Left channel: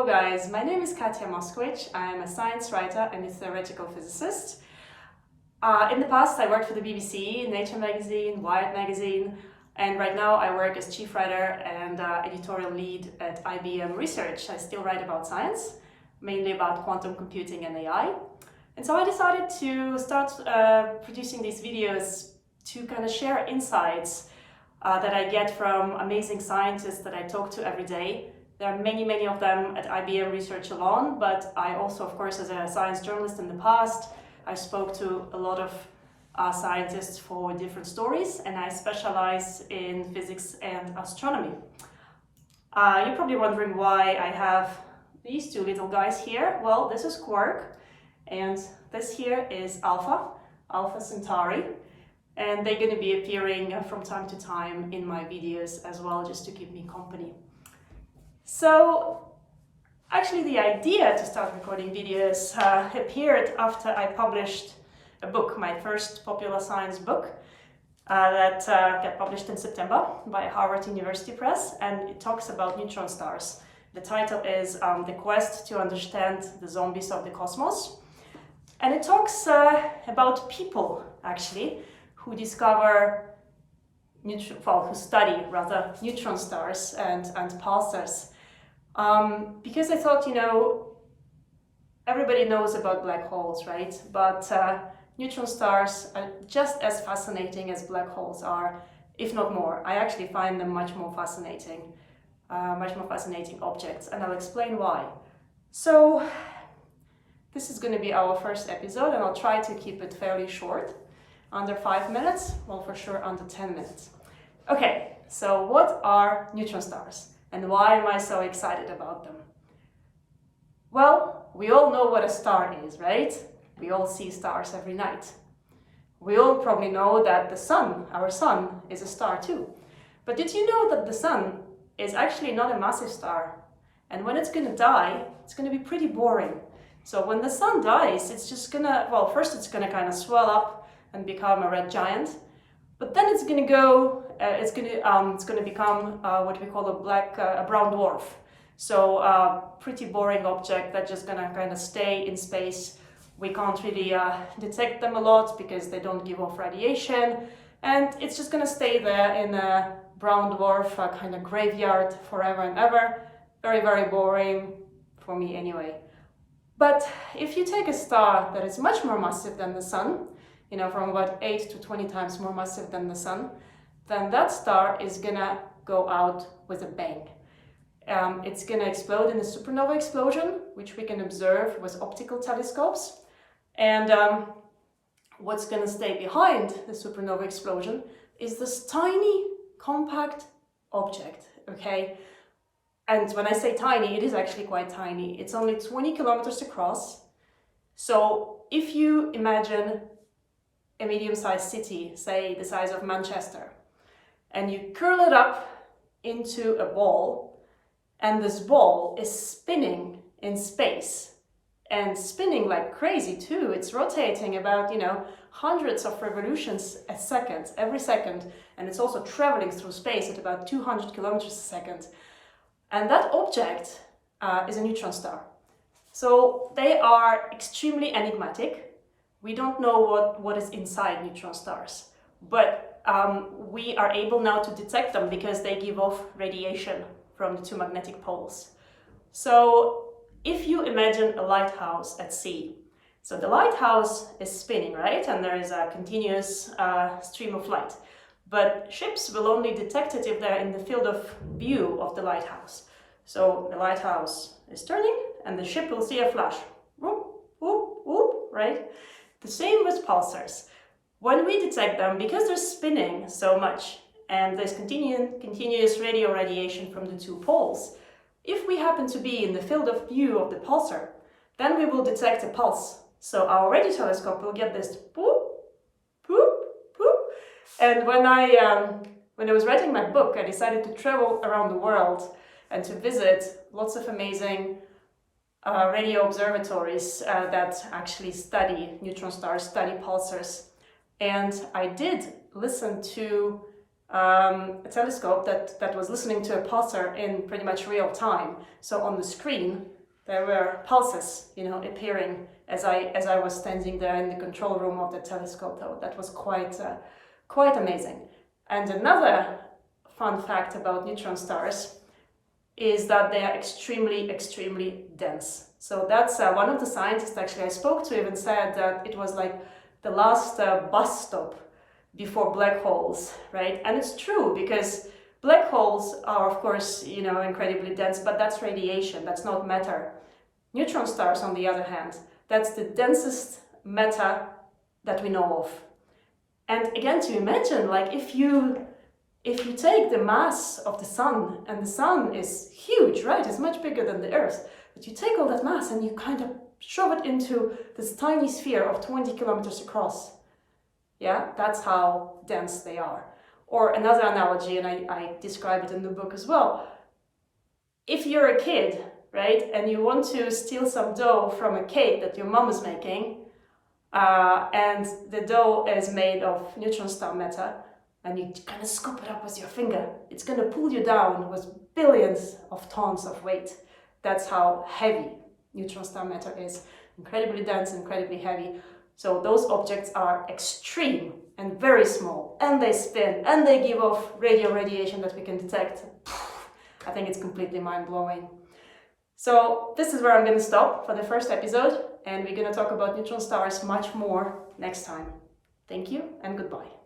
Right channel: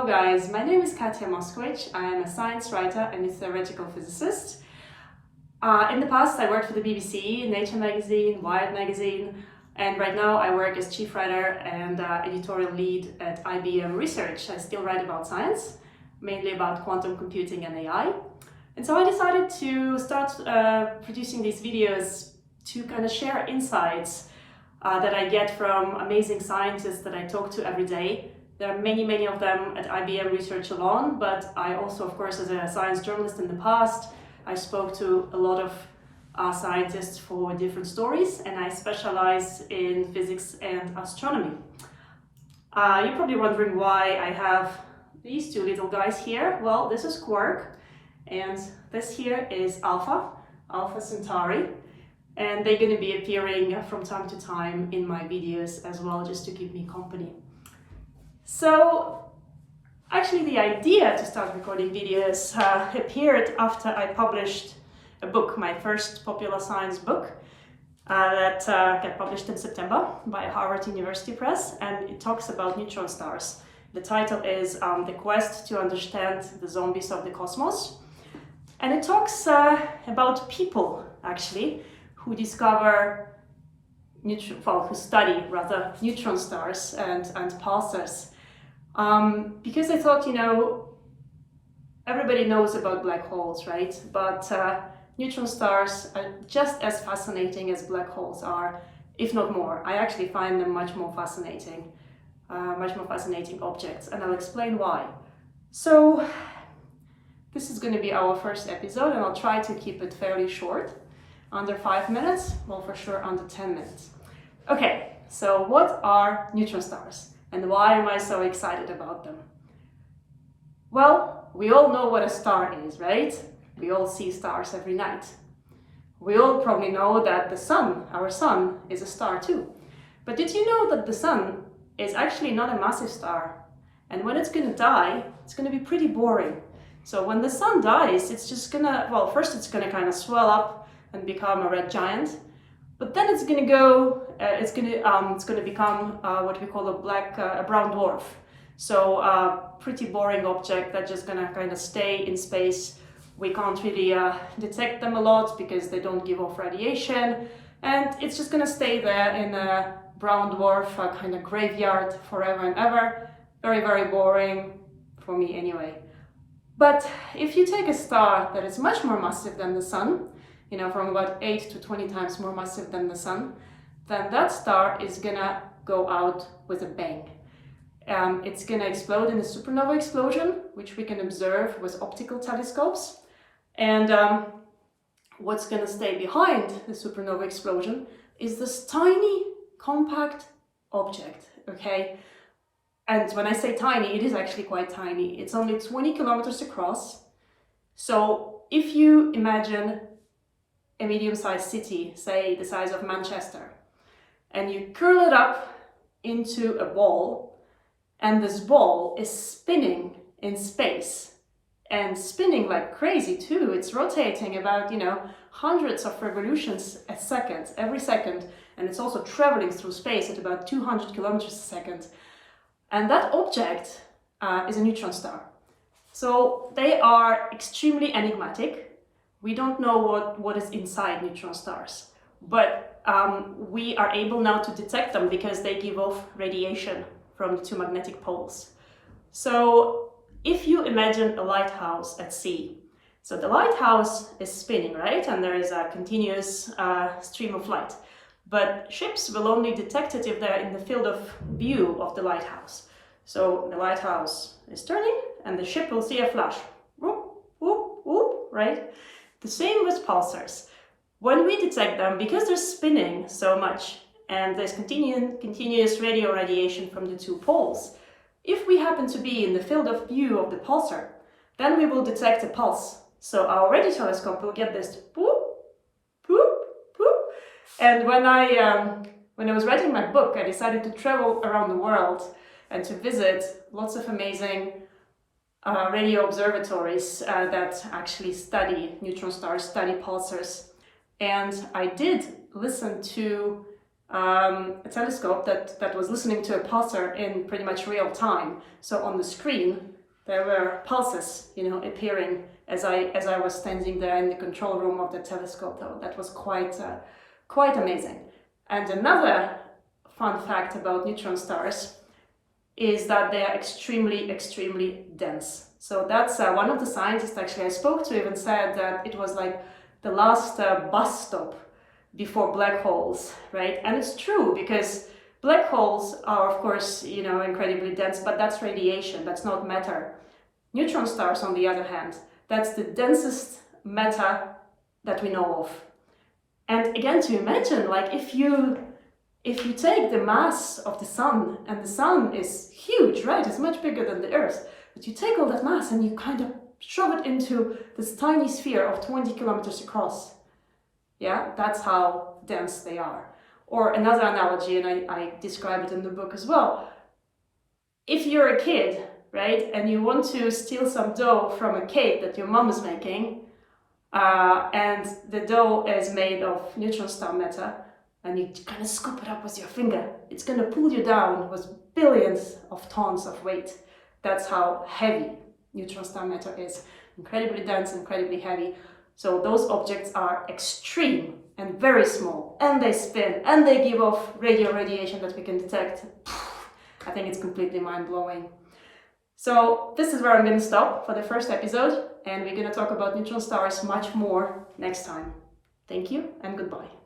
Hello guys, my name is Katia Moskowicz. I am a science writer and a theoretical physicist. In the past I worked for the BBC, Nature magazine, Wired magazine, and right now I work as chief writer and editorial lead at IBM Research. I still write about science, mainly about quantum computing and AI. And so I decided to start producing these videos to kind of share insights that I get from amazing scientists that I talk to every day. There are many of them at IBM Research alone, but I also, of course, as a science journalist in the past, I spoke to a lot of scientists for different stories, and I specialize in physics and astronomy. You're probably wondering why I have these two little guys here. Well, this is Quark, and this here is Alpha Centauri, and they're going to be appearing from time to time in my videos as well, just to keep me company. So actually the idea to start recording videos appeared after I published a book, my first popular science book that got published in September by Harvard University Press, and it talks about neutron stars. The title is The Quest to Understand the Zombies of the Cosmos, and it talks about people actually who discover who study rather neutron stars and pulsars. Because I thought, everybody knows about black holes, right? But neutron stars are just as fascinating as black holes are, if not more. I actually find them much more fascinating objects, and I'll explain why. So this is going to be our first episode, and I'll try to keep it fairly short, under 5 minutes, well, for sure under 10 minutes. Okay, so what are neutron stars? And why am I so excited about them? Well, we all know what a star is, right? We all see stars every night. We all probably know that the sun, our sun, is a star too. But did you know that the sun is actually not a massive star? And when it's gonna die, it's gonna be pretty boring. So when the sun dies, it's just gonna, well, first it's gonna kind of swell up and become a red giant. But then it's going to go. It's going to become what we call a brown dwarf. So pretty boring object that's just going to kind of stay in space. We can't really detect them a lot because they don't give off radiation, and it's just going to stay there in a brown dwarf kind of graveyard forever and ever. Very boring for me anyway. But if you take a star that is much more massive than the sun, from about 8 to 20 times more massive than the sun, then that star is gonna go out with a bang. It's gonna explode in a supernova explosion, which we can observe with optical telescopes. And what's gonna stay behind the supernova explosion is this tiny, compact object, okay? And when I say tiny, it is actually quite tiny. It's only 20 kilometers across. So if you imagine a medium-sized city, say the size of Manchester, and you curl it up into a ball, and this ball is spinning in space, and spinning like crazy too. It's rotating about, hundreds of revolutions a second, every second, and it's also traveling through space at about 200 kilometers a second. And that object is a neutron star. So they are extremely enigmatic. We don't know what is inside neutron stars, but we are able now to detect them because they give off radiation from the two magnetic poles. So if you imagine a lighthouse at sea, so the lighthouse is spinning, right? And there is a continuous stream of light, but ships will only detect it if they're in the field of view of the lighthouse. So the lighthouse is turning and the ship will see a flash, whoop, whoop, whoop, right? The same with pulsars. When we detect them, because they're spinning so much and there's continuous radio radiation from the two poles, if we happen to be in the field of view of the pulsar, then we will detect a pulse. So our radio telescope will get this boop, boop, boop. And when I was writing my book, I decided to travel around the world and to visit lots of amazing radio observatories that actually study neutron stars, study pulsars. And I did listen to a telescope that was listening to a pulsar in pretty much real time. So on the screen, there were pulses, appearing as I was standing there in the control room of the telescope. Though that was quite amazing. And another fun fact about neutron stars is that they are extremely dense. So that's one of the scientists actually I spoke to even said that it was like the last bus stop before black holes, right? And it's true, because black holes are, of course, incredibly dense, but that's radiation, that's not matter. Neutron stars, on the other hand, that's the densest matter that we know of. And again, to imagine, like if you take the mass of the sun, and the sun is huge, right? It's much bigger than the Earth, but you take all that mass and you kind of shove it into this tiny sphere of 20 kilometers across. Yeah, that's how dense they are. Or another analogy, and I describe it in the book as well. If you're a kid, right, and you want to steal some dough from a cake that your mom is making, and the dough is made of neutron star matter, and you kind of scoop it up with your finger, it's going to pull you down with billions of tons of weight. That's how heavy neutron star matter is. Incredibly dense, incredibly heavy. So those objects are extreme and very small, and they spin, and they give off radio radiation that we can detect. I think it's completely mind-blowing. So this is where I'm going to stop for the first episode, and we're going to talk about neutron stars much more next time. Thank you and goodbye.